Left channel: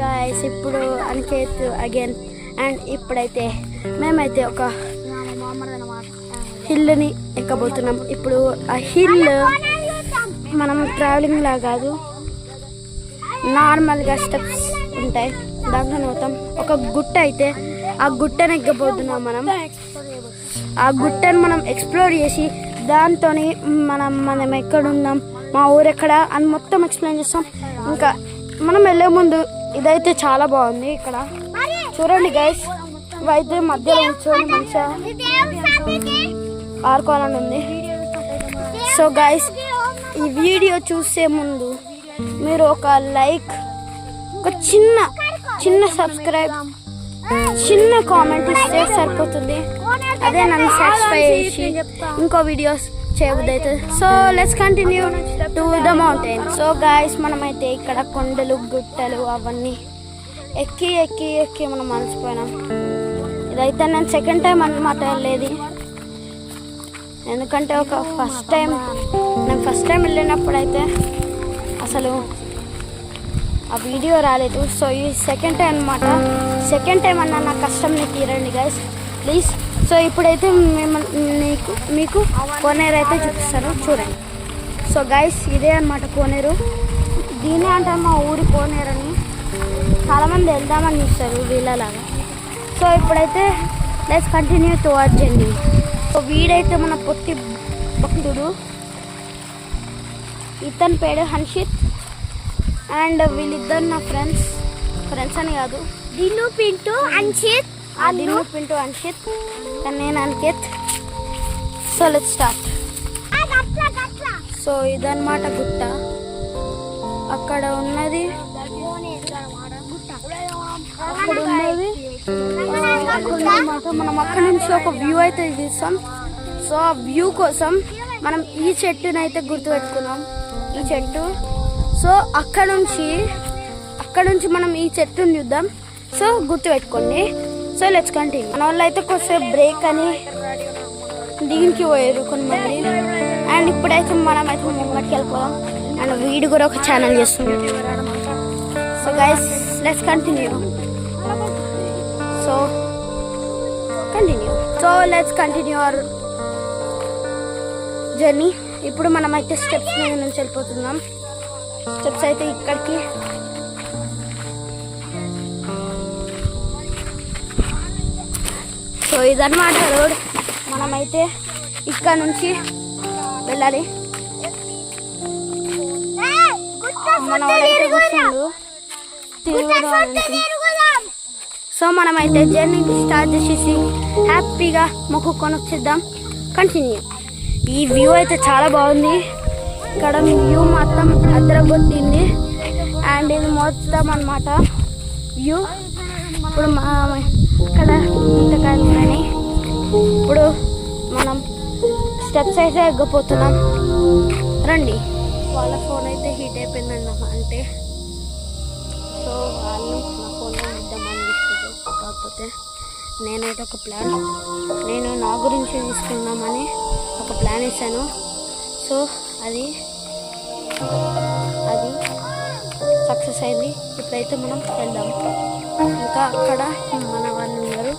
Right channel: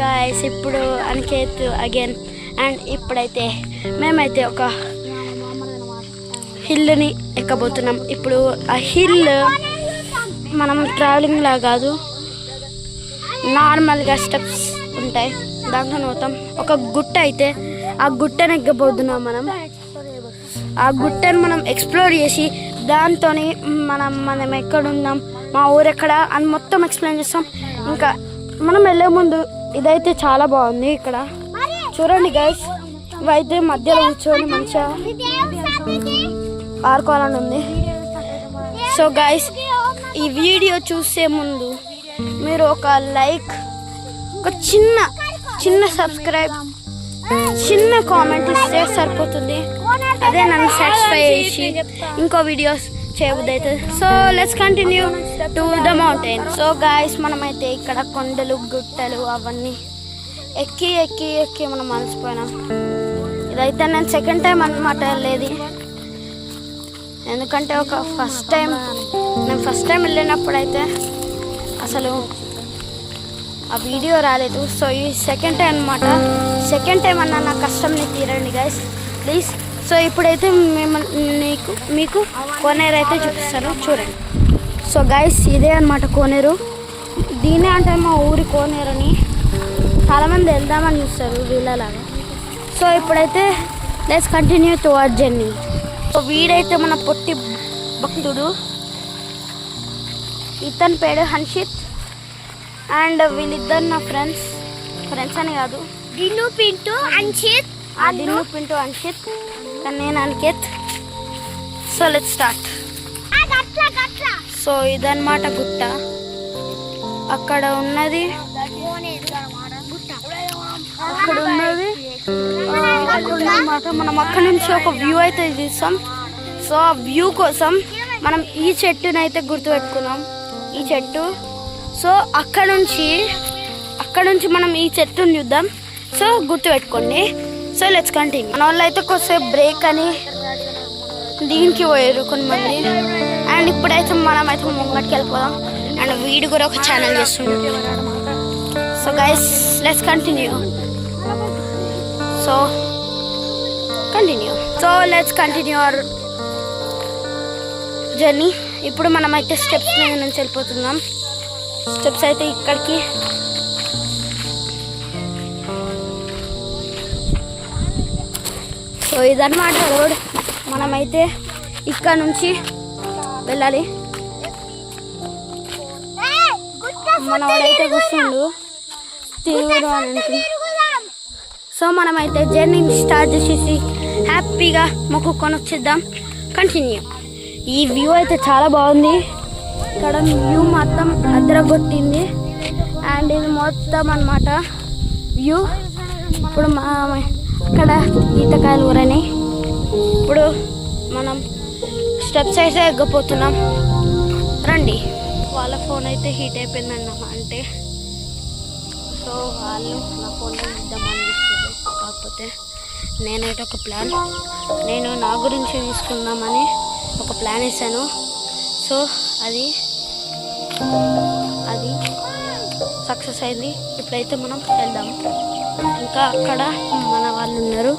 Guys ఇప్పుడు Aniket again and ఇప్పుడైతే మేమైతే ఒక హిల్ని ఎక్కబోతున్నాం. ఇప్పుడు ఆ హిల్ మనం ట్రావెలింగ్ లా కాదు, నార్మల్గా స్టెప్స్ ఉంటాయి దాంట్లో పోతాం. ఒక గుట్ట అయితే ఆ గుట్టను ఎక్కబోతున్నాం. ఆ గుట్టను మనం ఎక్స్ప్లోర్ చేసి దాంతో మనం ఎక్కడున్నాం, మా ఊరు ఎక్కడ అని మొత్తం ఎక్స్ప్లెయిన్ చేస్తాం. ఇంకా మనం వెళ్ళే ముందు ఇదైతే చాలా బాగుంది. ఇక్కడ చూడండి గైస్, ఇవైతే మధ్యలో కూర్చొని మంచిగా ఆడుకోవాలని ఉంది. సో గైస్, ఈ వీడియో చూసే ముందు మీరు ఒక లైక్, ఒక చిన్న సబ్స్క్రైబ్, చిన్న కామెంట్ ఇస్తే సరిపోతుంది. అదే నన్ను సాటిస్ఫై చేసి ఇంకో వీడియోస్ చేయబుద్ది అవుతుంది. So let's continue to the mountain. So guys, మనమైతే ఇక్కడ కొండలు గుట్టలు అవన్నీ ఎక్కి ఎక్కి ఎక్కి మనం అలసిపోయినాం. ఇదైతే నేను సెకండ్ టైం అన్నమాట వెళ్ళేది. ఎందుకంటే ఫస్ట్ టైం వెళ్ళినప్పుడు అయితే అసలు ఆ వీడియో రాలేదు. సో ఈ సెకండ్ టైం అనమాట. సెకండ్ టైం అన్న నా కష్టంని తీరండి గైస్ ప్లీజ్. సో ఇప్పుడైతే మీకు కోనేరు అయితే చూపిస్తాను, చూడండి. సో గైస్, ఇదే అనమాట కోనేరు. దీనే అంటే మా ఊరి కోనేరు అని చాలామంది వెళ్దామని చూస్తారు వీళ్ళలాగా. సో ఇప్పుడైతే let's continue towards journey. So వీడైతే మన పొట్టి భక్తుడు, ఇతని పేరు హన్షిత్. అండ్ వీళ్ళిద్దరు నా ఫ్రెండ్స్ అని కాదు, దిన్ను పింటూ అంచిత్. దిన్ను పింటూ అంచిత్, కానీ నేను Aniket. So let's start. So ఇదన్నమాట గుట్ట. అక్కడ ఉన్నది అన్నమాట. మనం అక్కడ నుంచి ఒక వ్యూ అయితే తీస్తాం. సో ఆ వ్యూ కోసం మనం ఈ చెట్టునైతే గుర్తుపెట్టుకున్నాం, ఈ చెట్టు. సో అక్కడ నుంచి మనం ఈ చెట్టుని చూద్దాం. సో గుర్తుపెట్టుకోండి. So let's continue. మన వాళ్ళు అయితే కొద్దిసేపు బ్రేక్ అని దీనికి పోయారు కొంతమంది. అండ్ ఇప్పుడైతే మనమైతే ముంగటికి వెళ్ళిపోదాం. అండ్ వీడు కూడా ఒక ఛానల్ చేస్తుండే. So guys, let's continue. So let's continue our journey. ఇప్పుడు మనమైతే స్టెప్స్ మీద నుంచి వెళ్ళిపోతున్నాం. స్టెప్స్ అయితే ఇక్కడికి. సో ఇదన్నమాట రోడ్. మనమైతే ఇక్కడ నుంచి వెళ్ళాలి. మన వాడైతే కూర్చుండు తీవ్ర. సో మనమైతే జర్నీని స్టార్ట్ చేసేసి హ్యాపీగా మొక్కుకొని వచ్చేద్దాం. కంటిన్యూ. ఈ వ్యూ అయితే చాలా బాగుంది. ఇక్కడ వ్యూ మొత్తం అద్దరగొట్టింది. అండ్ ఇది మొత్తం అన్నమాట వ్యూ. ఇప్పుడు ఇక్కడ ఈతకాయలు కూరని. ఇప్పుడు మనం స్టెప్స్ అయితే ఎగ్గపోతున్నాం, రండి. వాళ్ళ ఫోన్ అయితే హీట్ అయిపోయిందన్నమాట. అంటే సో వాళ్ళు నా ఫోన్లో ఇద్దామని ఇస్తుంది. కాకపోతే నేనైతే ఒక ప్లాన్, నేను నా గురించి తీసుకుందామని ఒక ప్లాన్ ఇస్తాను. సో అది సక్సెస్ అయింది. ఇప్పుడైతే మనం వెళ్దాం. ఇంకా అక్కడ మన వాళ్ళు ఉన్నారు.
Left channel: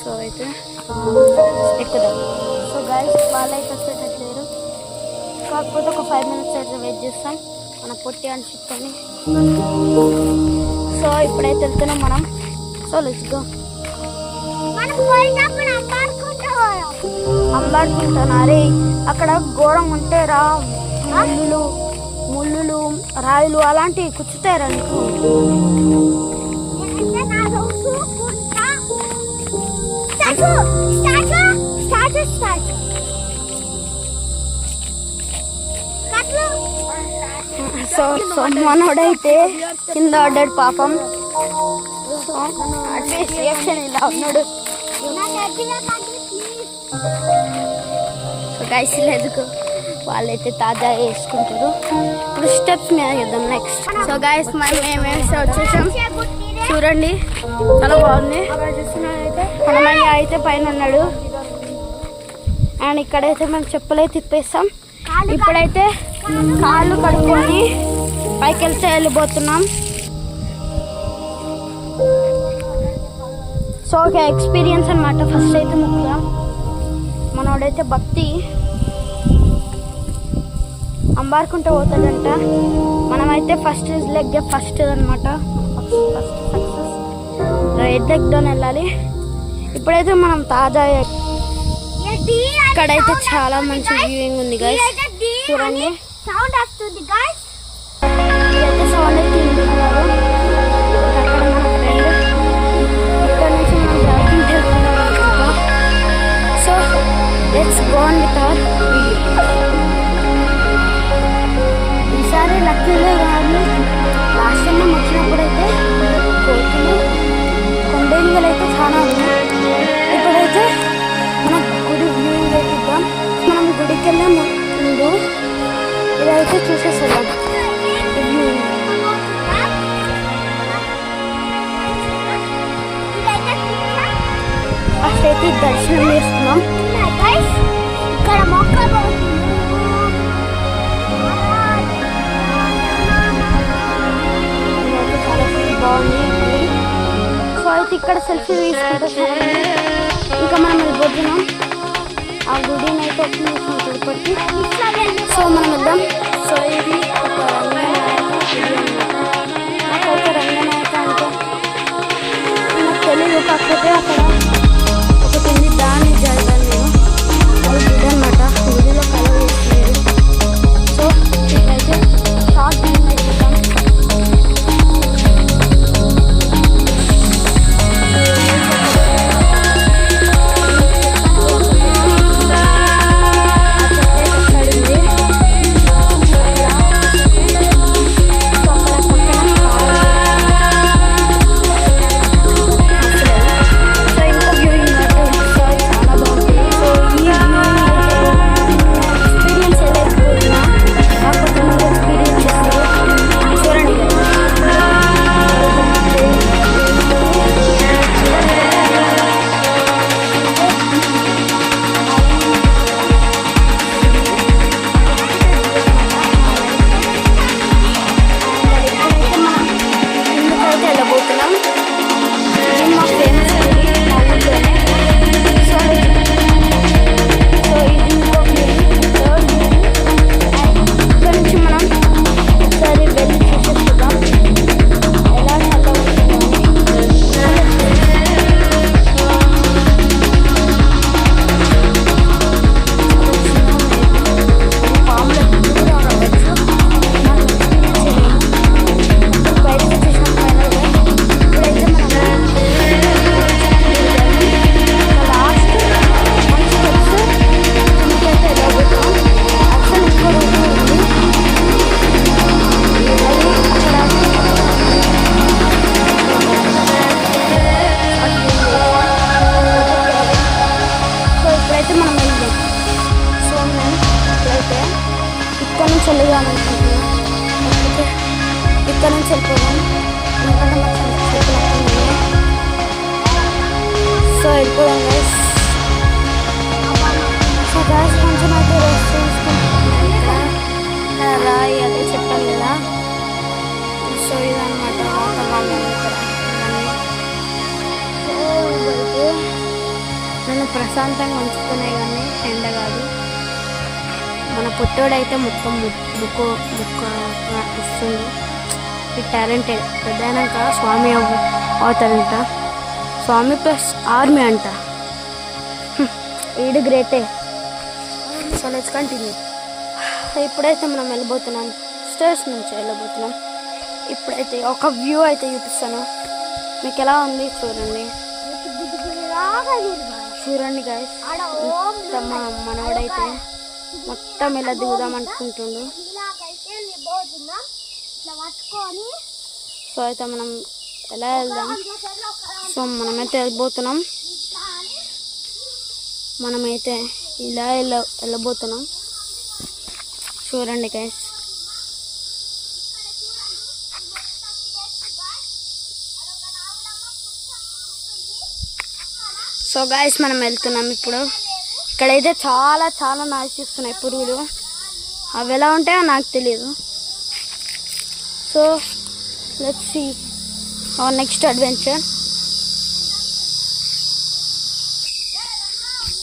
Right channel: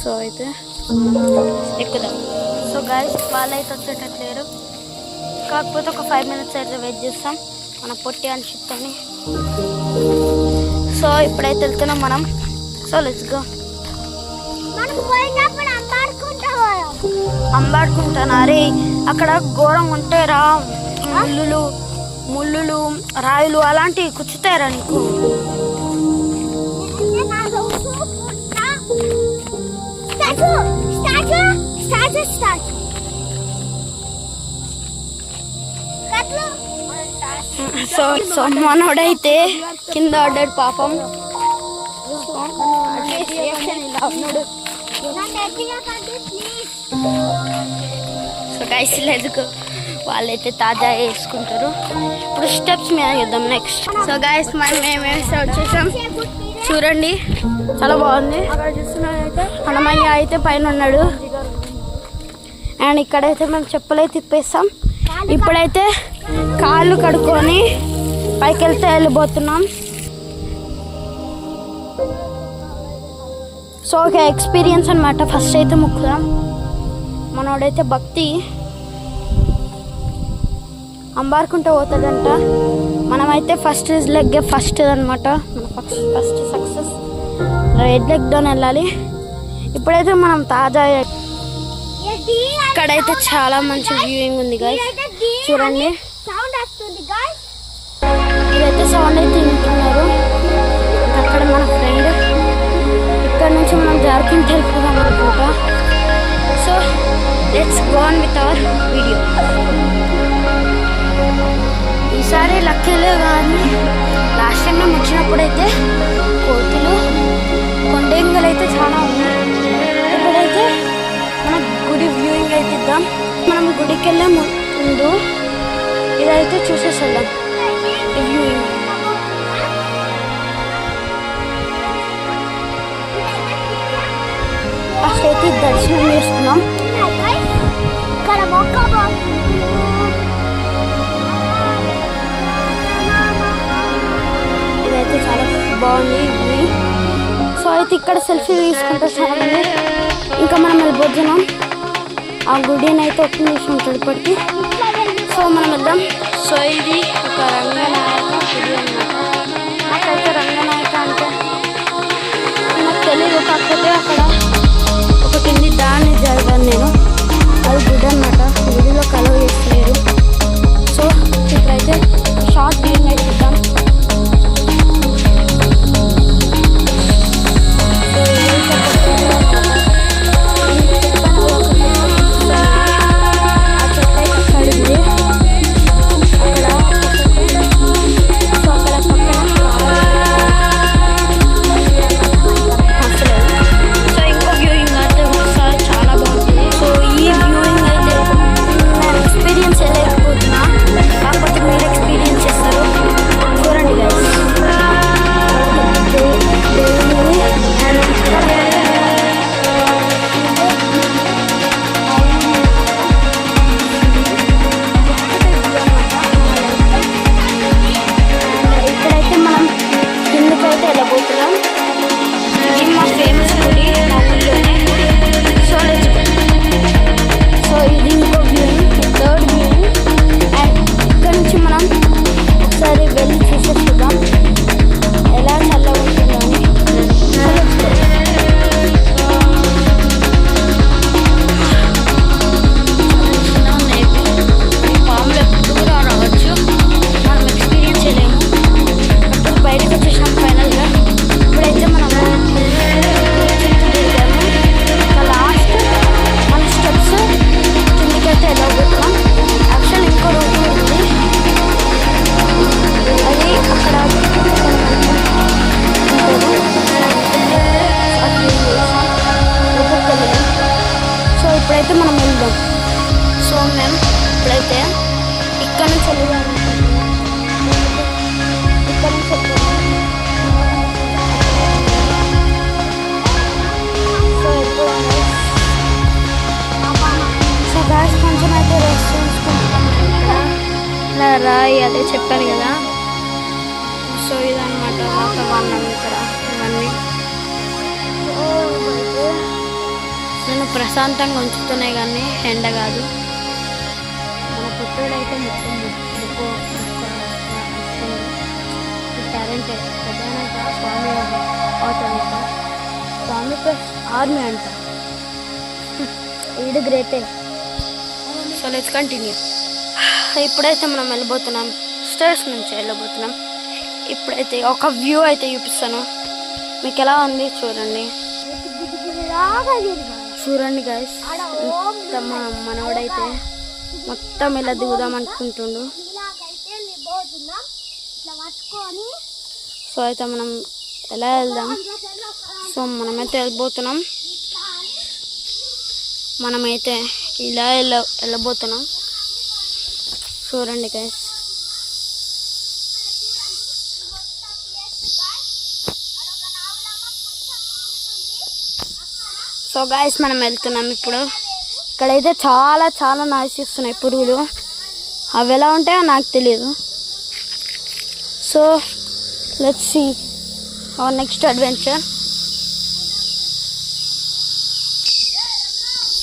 సో అయితే ఎక్కుదాం. సో గైస్, వాళ్ళైతే వచ్చేటట్లేరు. కాకపోతే ఒక 5 minutes అయితే వెయిట్ చేస్తాం మన పొట్టి అనిపిస్తుంది. సో ఇప్పుడైతే వెళ్తున్నాం మనం. So let's go. అంబాడుకుంటాను. అరే అక్కడ ఘోరం ఉంటే రా, ముళ్ళులు రాయులు అలాంటివి కుచ్చుతారా నీకు? సో మనోడైతే కింద పడ్డాడు పాపం. రియాక్షన్ ఇలా ఉన్నాడు. సో గైస్, లేదు వాళ్ళైతే తాజా వేసుకుంటారు. ఇప్పుడు స్టెప్స్ మీద చేద్దాం నెక్స్ట్. సో గైస్, మేమేస్తే వచ్చేసాం. చూడండి, చాలా బాగుంది. మనమయ్య అయితే పైన ఉన్నాడు. అండ్ ఇక్కడైతే మేము చెప్పులైతే తిప్పేస్తాం. ఇప్పుడైతే కాళ్ళు కడుక్కొని పైకి వెళ్తే వెళ్ళిపోతున్నాం. సో ఒక ఎక్స్పీరియన్స్ అనమాట. ఫస్ట్ అయితే ముక్కుగా మనోడైతే భక్తి అంబారుకుంటూ పోతాడంట. మనమైతే ఫస్ట్ లెగ్ ఫస్ట్ అనమాట. ఫస్ట్ సక్సెస్ రైట్ లెగ్తో వెళ్ళాలి. ఇప్పుడైతే మనం తాజా ఇక్కడైతే చాలా మంచి వ్యూయింగ్ ఉంది గైస్, చూడండి. సౌండ్ వస్తుంది గైస్. ఇదైతే సౌండ్ అయితే వింటున్నారు. అక్కడ మన ఫ్రెండ్ ఇక్కడ నుంచి మనం జార్ఖండ్ వెళ్తున్నాం అనుకుంటా. So let's go on with our video. ఈసారి లక్కీలో కానీ లాస్ట్ టైం మేము వచ్చినప్పుడైతే కోతులు కొండేంగలు అయితే చాలా ఉన్నాయి. ఇప్పుడైతే మనం గుడి వ్యూయింగ్ అయితే ఇద్దాం. మనం గుడికి వెళ్ళే ముందు ఇదైతే చూసేసేద్దాం ఈ వ్యూయింగ్. ఫస్ట్ అయితే దర్శనం చేసుకున్నాం. ఇక్కడ మొక్క ఇదైతే చాలా బాగుంది గుడి. సో అయితే ఇక్కడ సెల్ఫీ తీసుకుంటాం. ఇంకా మనం వెళ్ళిపోతున్నాం ఆ గుడిని అయితే ఎక్కించేసాం తిరుపతికి. సో మనం వెళ్దాం. సో ఇది ఒక రంగనాయక గుడి అన్నమాట. నాకైతే రంగనాయక అంటే నాకు తెలియదు, కాకపోతే అక్కడ ఒకటి ఉంది, దాన్ని చదివాను నేను. అది గుడి అన్నమాట. గుడిలో కలవ చేస్తున్నారు. సో ఇప్పుడైతే షార్ట్ వ్యూయింగ్ అయితే ఇద్దాం. ఇది మా ఫేమస్ గుడి మా ఊళ్ళోనే. సో ఇది ఇంకో వ్యూయింగ్, థర్డ్ వ్యూయింగ్. ఇక్కడ నుంచి మనం ఒకసారి వెళ్ళి చూసేస్తున్నాం ఎలా చల్ల పాములు ఎప్పుడు కూడా రావచ్చు, మనం ఎక్స్పీరియన్స్ చేయలేము. అప్పుడు బయటకు వచ్చేసాం ఫైనల్గా. ఇప్పుడైతే మనం లాస్ట్ మన స్టెప్స్ కిందకైతే వెళ్ళబోతున్నాం. యాక్చువల్ ఇంకో రూట్ ఉంది, అది అక్కడ సో ఇప్పుడైతే మనం వెళ్దాం. సో మేము ఇప్పుడైతే ఇక్కడ నుంచి వెళ్ళాం అనుకుంటున్నాం. ఇక్కడ నుంచి వెళ్ళిపోయాం. సో వెళ్ళిపోయాం గైస్. సో గైస్ కొంచెం అయితే రెస్ట్ తీసుకుంటున్నాం. ఇక్కడ ఇలా రాయి అదే చెప్పాను కదా. సో ఇదన్నమాట వాతావరణం ఇక్కడ ఇవన్నీ. సో ఇదైతే నన్ను ప్రశాంతంగా ఉంచుతున్నాయి కానీ ఎండ కాదు. మన పుట్టోడైతే మొత్తం బుక్కు ఇస్తుంది. ఈ టాలెంటెడ్ పెద్దనాక స్వామి అవుతాడంట. స్వామి ప్లస్ ఆర్మీ అంట. ఈడు గ్రేటే. So let's continue. ఇప్పుడైతే మనం వెళ్ళిపోతున్నాం, స్టేర్స్ నుంచి వెళ్ళబోతున్నాం. ఇప్పుడైతే ఒక వ్యూ అయితే చూపిస్తాను మీకు. ఎలా ఉంది చూడండి. చూడండి గైస్, మొత్తం మా మనవాడైతే మొత్తం ఇలా దిగుదాం అనుకుంటుండు. సో అయితే మనం ఎలా వెళ్దాం. సో మనమైతే వెళ్ళిపోతున్నాం. మనమైతే ఇలా వెళ్ళబోతున్నాం. చూడండి గైస్. సో గైస్ మనం వెళ్తున్నాం ఇప్పుడు. ఇక్కడైతే చాలా చాలా నాయిస్ వస్తున్నాయి పురుగులు. అవి ఎలా ఉంటాయో నాకు తెలియదు. So let's see our next adventure.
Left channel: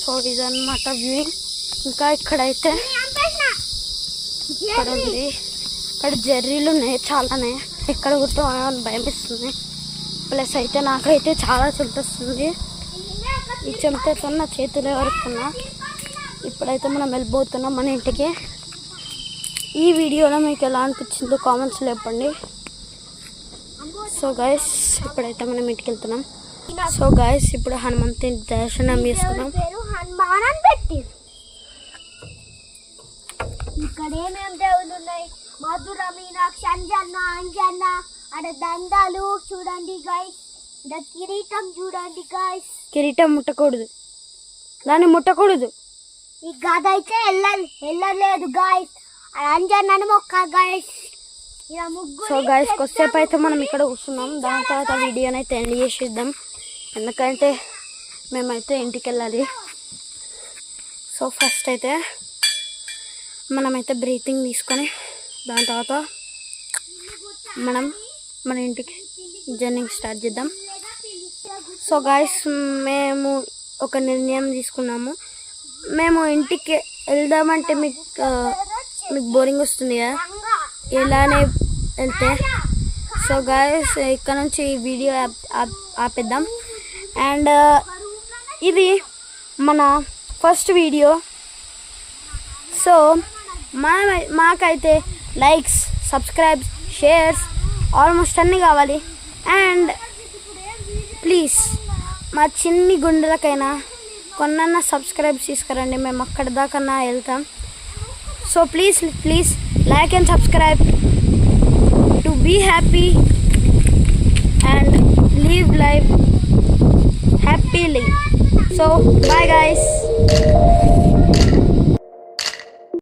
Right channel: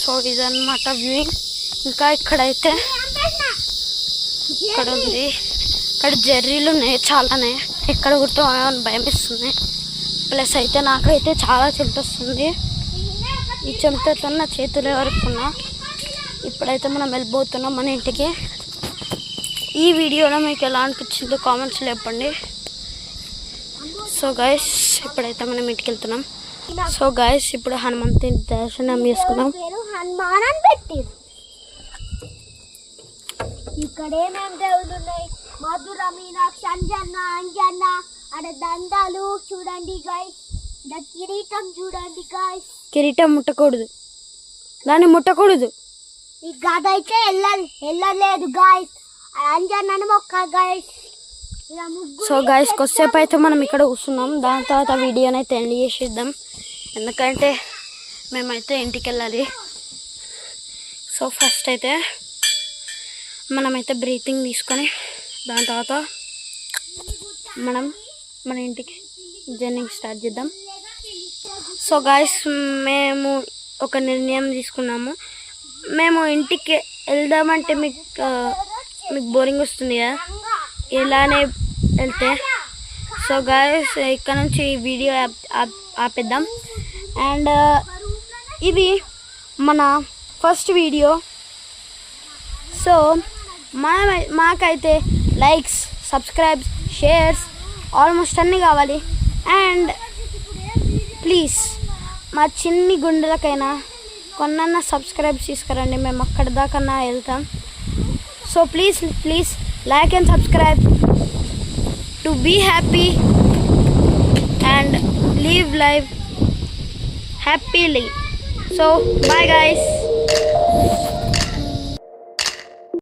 So ఇదన్నమాట వ్యూయింగ్. ఇంకా ఇక్కడైతే ఇక్కడ ఉంది, ఇక్కడ జెర్రీలు ఉన్నాయి చాలానే. ఎక్కడ కుట్టామని భయం ఇస్తుంది. ప్లస్ అయితే నాకైతే చాలా చెమటొస్తుంది. ఈ చెమటతో నా చేతులే వరకున్నా. ఇప్పుడైతే మనం వెళ్ళిపోతున్నాం మన ఇంటికి. ఈ వీడియోలో మీకు ఎలా అనిపించిందో కామెంట్స్లో చెప్పండి. సో గైస్ ఇప్పుడైతే మనం ఇంటికి వెళ్తున్నాం. సో గైస్ ఇప్పుడు హనుమంతుని దర్శనం చేసుకున్నాం. హనుమాన్ అని పెట్టి ఇక్కడ ఏమేమి దేవుళ్ళు ఉన్నాయి? మధుర, మీనాక్షి, అంజన్న అక్కడ దండాలు చూడండి గైస్. కిరీటం చూడండి గైస్. కిరీటం ముట్టకూడదు, దాన్ని ముట్టకూడదు. ఈ గద అయితే వెళ్ళలేదు గైస్. అంజన్నని మొక్క గైస్. సో గైస్ కొద్దిసేపు అయితే మనం ఇక్కడ కూర్చున్నాం. దాని తర్వాత వీడియోని అయితే ఎండ్ చేసేద్దాం, ఎందుకంటే మేమైతే ఇంటికి వెళ్ళాలి. సో ఫస్ట్ అయితే మనమైతే బ్రీతింగ్ తీసుకొని దాని తర్వాత మనం మన ఇంటికి జర్నీ స్టార్ట్ చేద్దాం. సో గాయస్ మేము ఒక నిర్ణయం తీసుకున్నాము. మేము ఇంటికి వెళ్దామంటే మీకు బోరింగ్ వస్తుంది కదా, ఇలానే వెళ్తే. సో గాయస్ ఇక్కడ నుంచి ఈ వీడియో ఆపేద్దాం. అండ్ ఇది మన ఫస్ట్ వీడియో. సో మాకైతే లైక్స్, సబ్స్క్రైబ్స్, షేర్స్ ఆల్మోస్ట్ అన్నీ కావాలి. అండ్ ప్లీజ్ మా చిన్ని గుండెలకైనా కొన్న సబ్స్క్రైబ్స్ తీసుకురండి, మేము అక్కడ దాకా వెళ్తాం. So please like and subscribe to be happy and live life happily. So bye guys.